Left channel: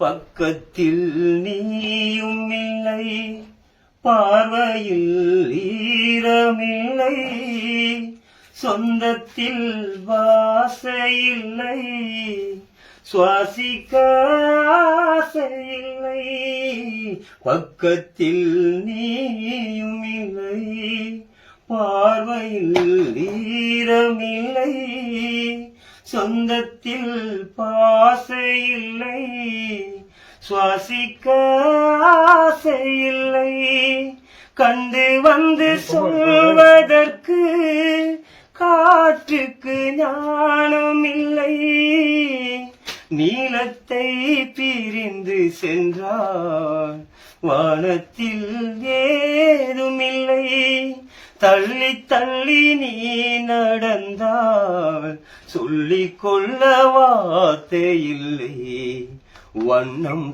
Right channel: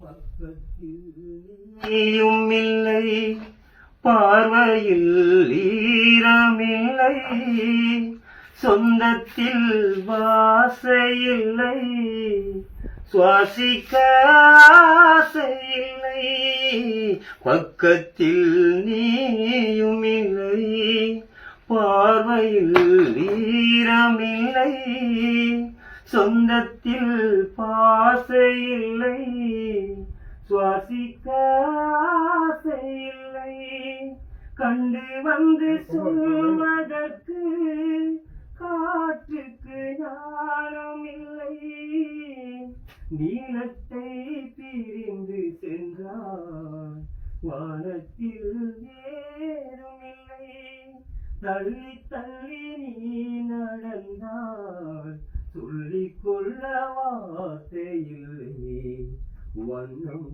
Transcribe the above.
பக்கத்தில் நீயும் இல்லை, பார்வையில் ஈரமில்லை, சொந்தத்தில் வாசையில்லை, சுவாசிக்க ஆசையில்லை. பக்கத்தில் நீயும் இல்லை, பார்வையில் ஈரமில்லை, சொந்தத்தில் பாசையில்லை, சுவாசிக்க ஆசையில்லை. கண்டு வந்து சொல்வதற்கு காற்றுக்கு ஞானம் இல்லை, நீலத்தை பிரிந்து சென்றால் வானத்தில் ஏதுமில்லை. தள்ளி தள்ளி நீ நடந்தால் சொல்லிக் கொள்ள வார்த்தை இல்லை. வண்ணம்